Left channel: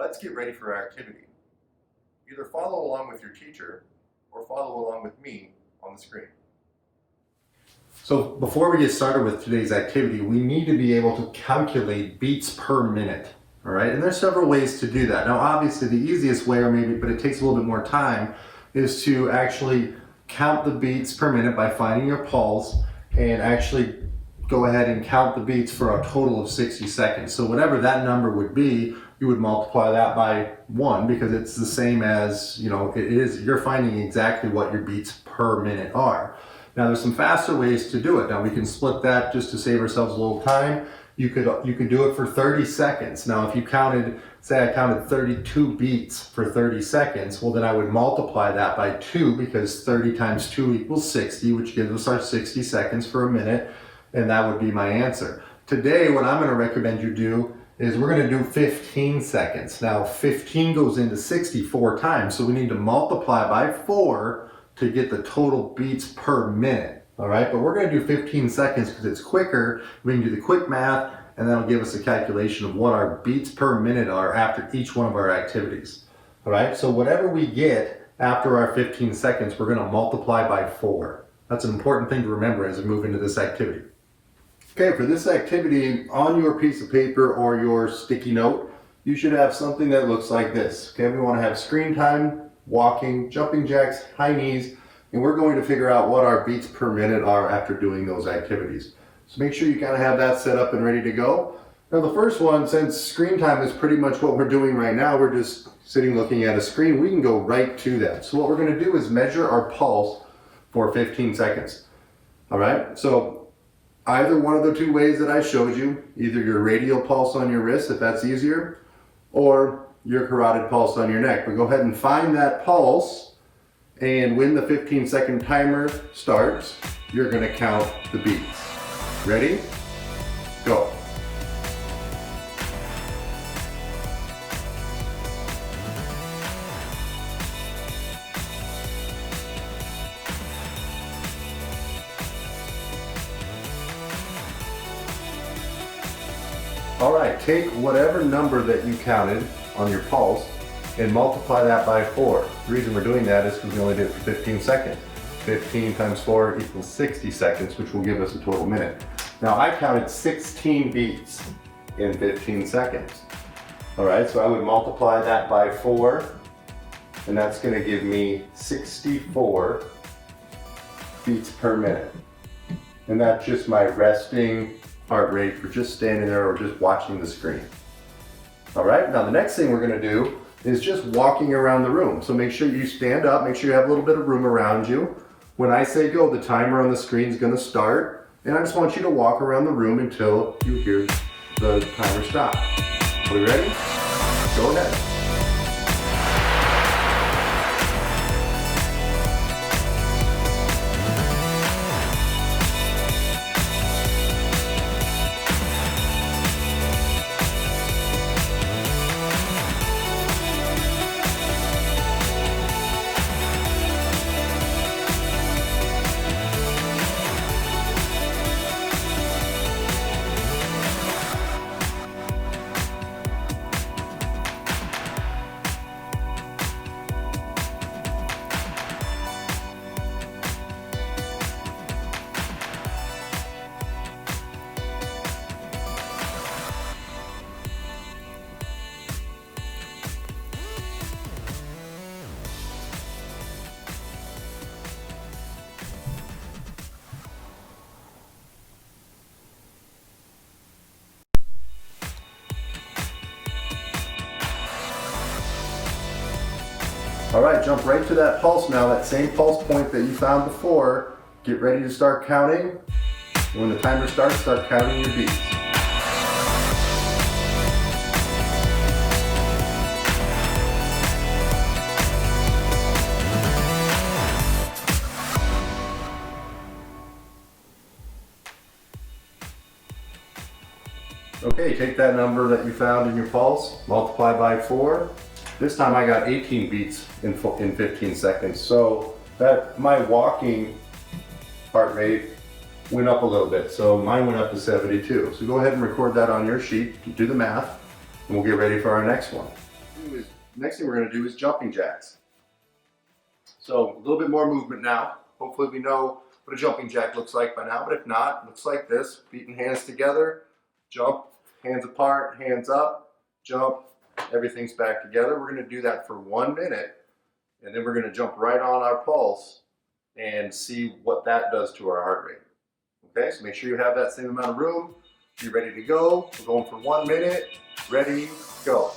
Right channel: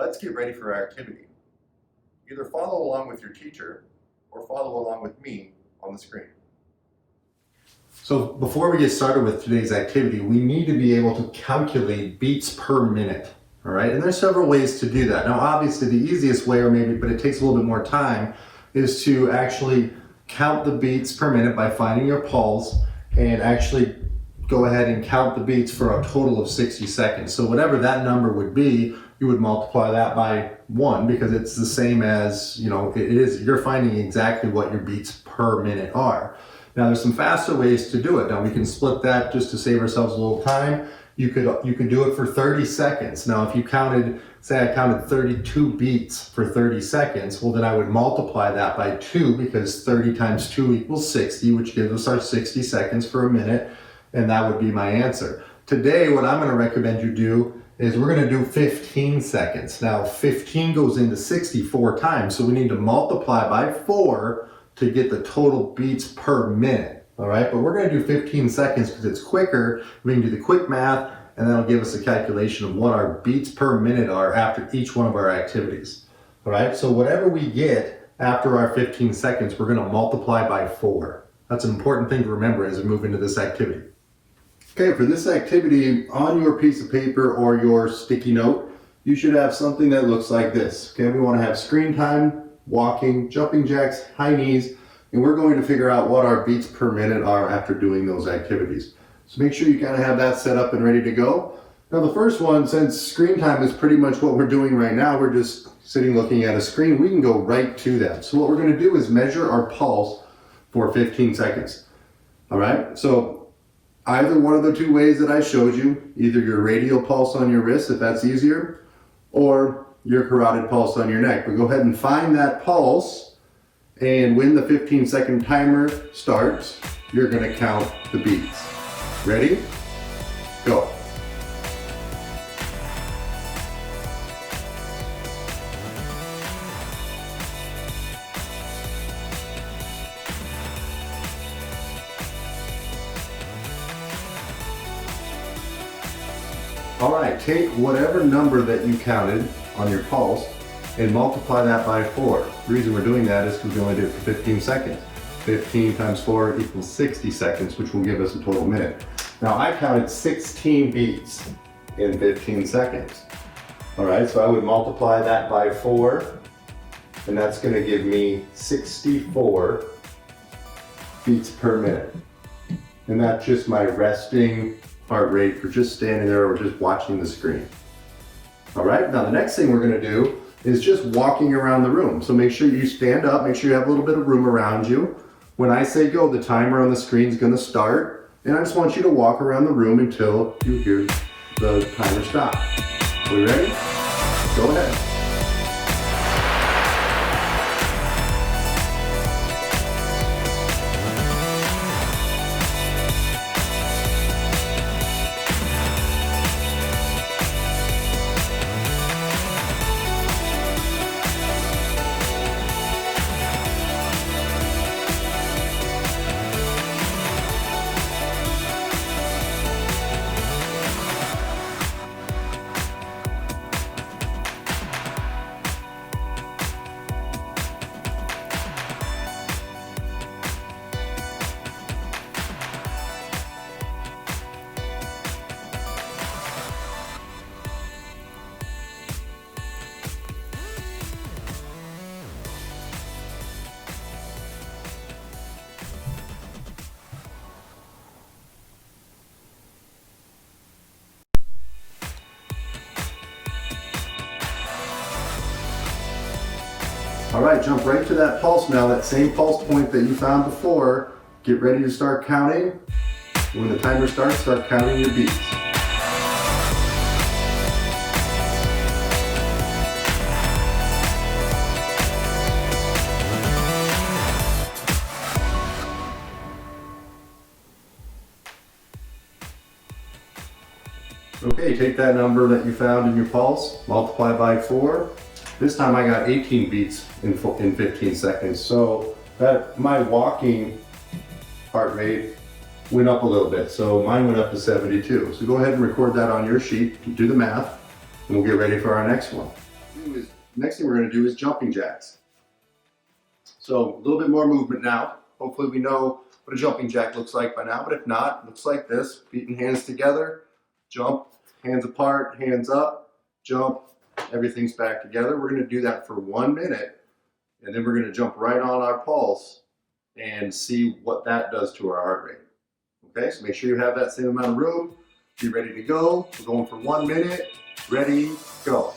Let's get ready for our activity. Either follow along with your teacher or follow along with me on the screen. So before we get started with today's activity, we need to be able to calculate beats per minute. All right, and there's several ways to do that. Now, obviously the easiest way, but it takes a little bit more time, is to actually count the beats per minute by finding your pulse and actually go ahead and count the beats for a total of 60 seconds. So whatever that number would be, you would multiply that by 1 because it's the same as, you're finding exactly what your beats per minute are. Now there's some faster ways to do it. Now we can split that just to save ourselves a little time. You could do it for 30 seconds. Now if you say I counted 32 beats for 30 seconds, well then I would multiply that by 2 because 30 times 2 equals 60, which gives us our 60 seconds for a minute, and that would be my answer. Today what I'm going to recommend you do is we're going to do 15 seconds. Now 15 goes into 60 4 times, so we need to multiply by 4 to get the total beats per minute. All right, but we're going to do 15 seconds because it's quicker. We can do the quick math, and that'll give us a calculation of what our beats per minute are after each one of our activities. All right, so whatever we get after our 15 seconds, we're going to multiply by 4. That's an important thing to remember as we move into this activity. Okay, for this activity, on your piece of paper or your sticky note, you should have something that looks like this. Okay, we want to have screen time, walking, jumping jacks, high knees, and we're going to figure out what our beats per minute are after doing those activities. So make sure you kind of have that set up and ready to go. Now the first one, since screen time is pretty much what we're doing right now, we're just sitting looking at a screen, we can go right to that. So what we're going to do is measure our pulse for 15 seconds. All right, so either one of the two ways that I showed you, either your radial pulse on your wrist, if that's easier, or your carotid pulse on your neck. But go ahead and find that pulse, and when the 15-second timer starts, you're going to count the beats. Ready? Go. All right, take whatever number that you counted on your pulse and multiply that by 4. The reason we're doing that is because we only did it for 15 seconds. 15 times 4 equals 60 seconds, which will give us a total minute. Now I counted 16 beats in 15 seconds. All right, so I would multiply that by 4, and that's going to give me 64 beats per minute. And that's just my resting heart rate for just standing there or just watching the screen. All right, now the next thing we're going to do is just walking around the room. So make sure you stand up, make sure you have a little bit of room around you. When I say go, the timer on the screen is going to start, and I just want you to walk around the room until you hear the timer stop. Are we ready? Go ahead. All right, jump right to that pulse now, that same pulse point that you found before. Get ready to start counting. When the timer starts, start counting your beats. Okay, take that number that you found in your pulse, multiply by 4. This time I got 18 beats in 15 seconds. So that my walking heart rate went up a little bit. So mine went up to 72. So go ahead and record that on your sheet, do the math, and we'll get ready for our next one. next thing we're going to do is jumping jacks. So a little bit more movement now. Hopefully we know what a jumping jack looks like by now, but if not, it looks like this. Feet and hands together, jump, hands apart, hands up, jump, everything's back together. We're going to do that for 1 minute, and then we're going to jump right on our pulse and see what that does to our heart rate. Okay, so make sure you have that same amount of room. Be ready to go. We're going for 1 minute. Ready, go.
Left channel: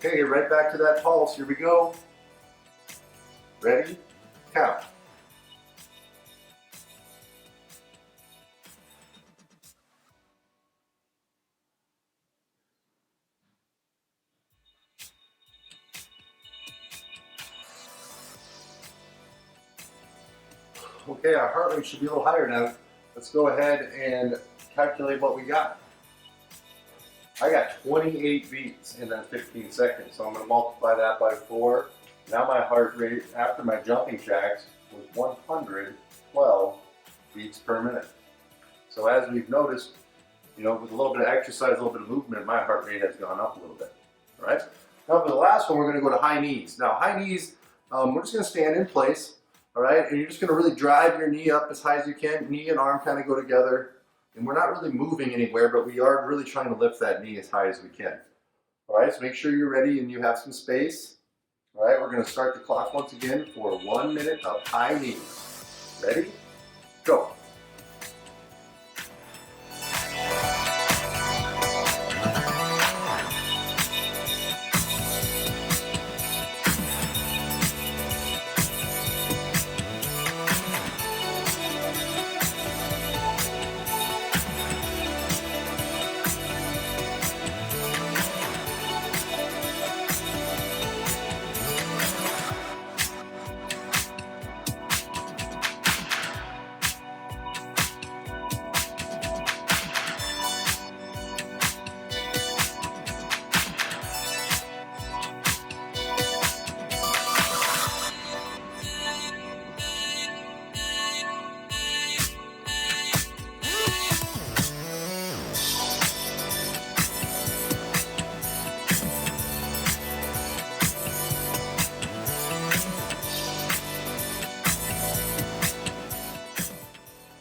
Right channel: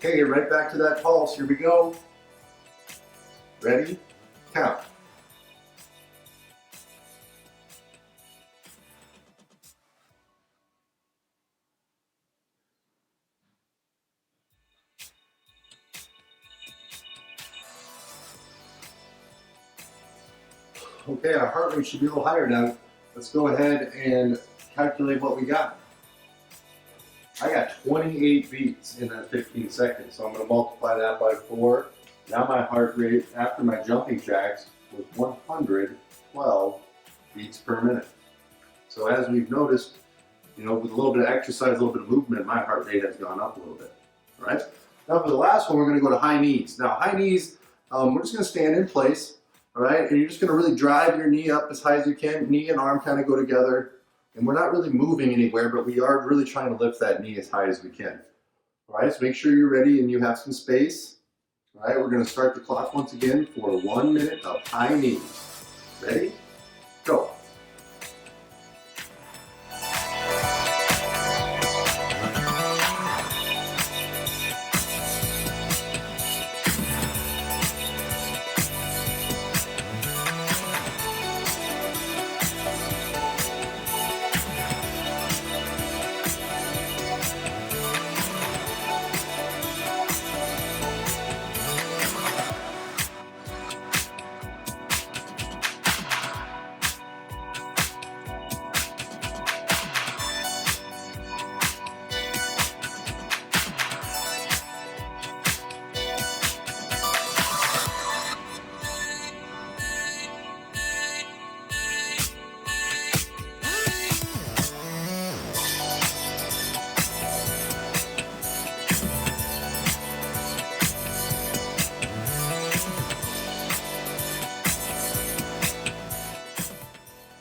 Okay, get right back to that pulse. Here we go. Ready? Count. Okay, our heart rate should be a little higher now. Let's go ahead and calculate what we got. I got 28 beats in that 15 seconds, so I'm going to multiply that by 4. Now my heart rate after my jumping jacks was 112 beats per minute. So as we've noticed, with a little bit of exercise, a little bit of movement, my heart rate has gone up a little bit. All right. Now for the last one, we're going to go to high knees. Now high knees, we're just going to stand in place. All right, and you're just going to really drive your knee up as high as you can. Knee and arm kind of go together. And we're not really moving anywhere, but we are really trying to lift that knee as high as we can. All right, so make sure you're ready and you have some space. All right, we're going to start the clock once again for 1 minute of high knees. Ready? Go.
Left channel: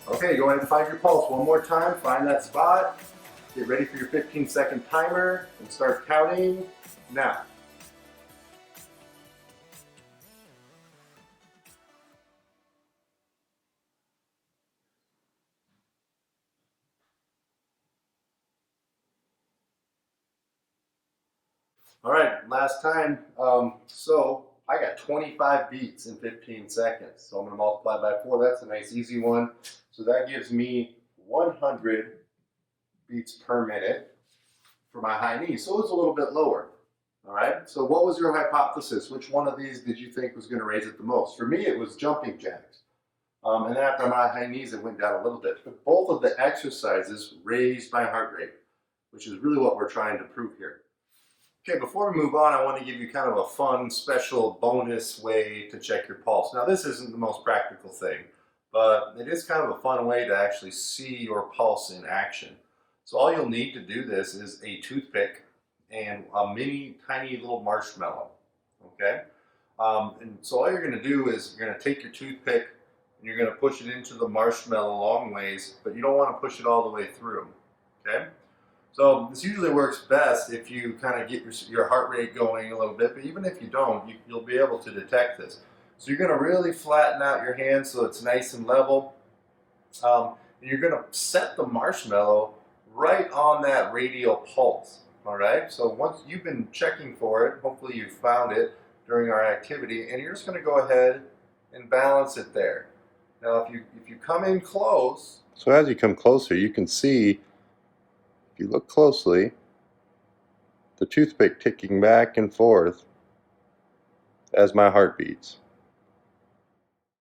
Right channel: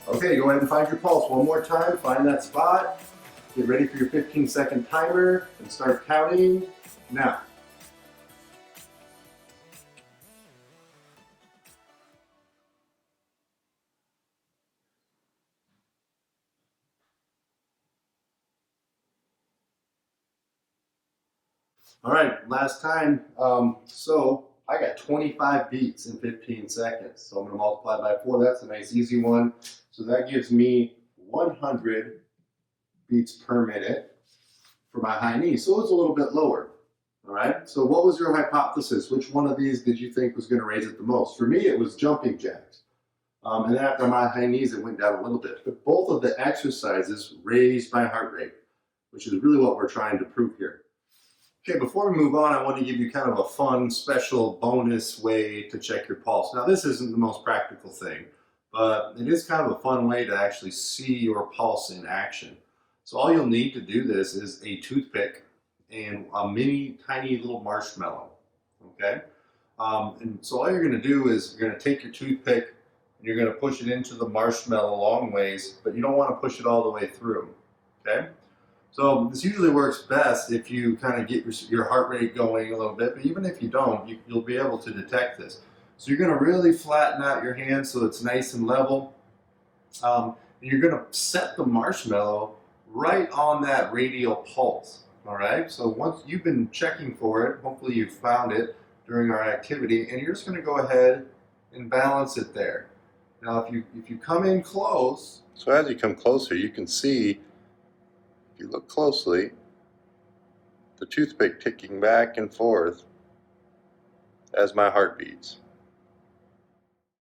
Okay, go ahead and find your pulse one more time. Find that spot. Get ready for your 15-second timer and start counting now. All right, last time. So I got 25 beats in 15 seconds. So I'm going to multiply by 4. That's a nice easy one. So that gives me 100 beats per minute for my high knee. So it's a little bit lower. All right. So what was your hypothesis? Which one of these did you think was going to raise it the most? For me, it was jumping jacks. And then after my high knees, it went down a little bit. But both of the exercises raised my heart rate, which is really what we're trying to prove here. Okay, before we move on, I want to give you kind of a fun, special bonus way to check your pulse. Now, this isn't the most practical thing, but it is kind of a fun way to actually see your pulse in action. So all you'll need to do this is a toothpick and a mini, tiny little marshmallow, okay? And so all you're going to do is you're going to take your toothpick and you're going to push it into the marshmallow long ways, but you don't want to push it all the way through, okay? So this usually works best if you kind of get your heart rate going a little bit, but even if you don't, you'll be able to detect this. So you're going to really flatten out your hand so it's nice and level. And you're going to set the marshmallow right on that radial pulse. All right. So once you've been checking for it, hopefully you found it during our activity, and you're just going to go ahead and balance it there. Now, if you come in close, so as you come closer, you can see, if you look closely, the toothpick ticking back and forth as my heart beats.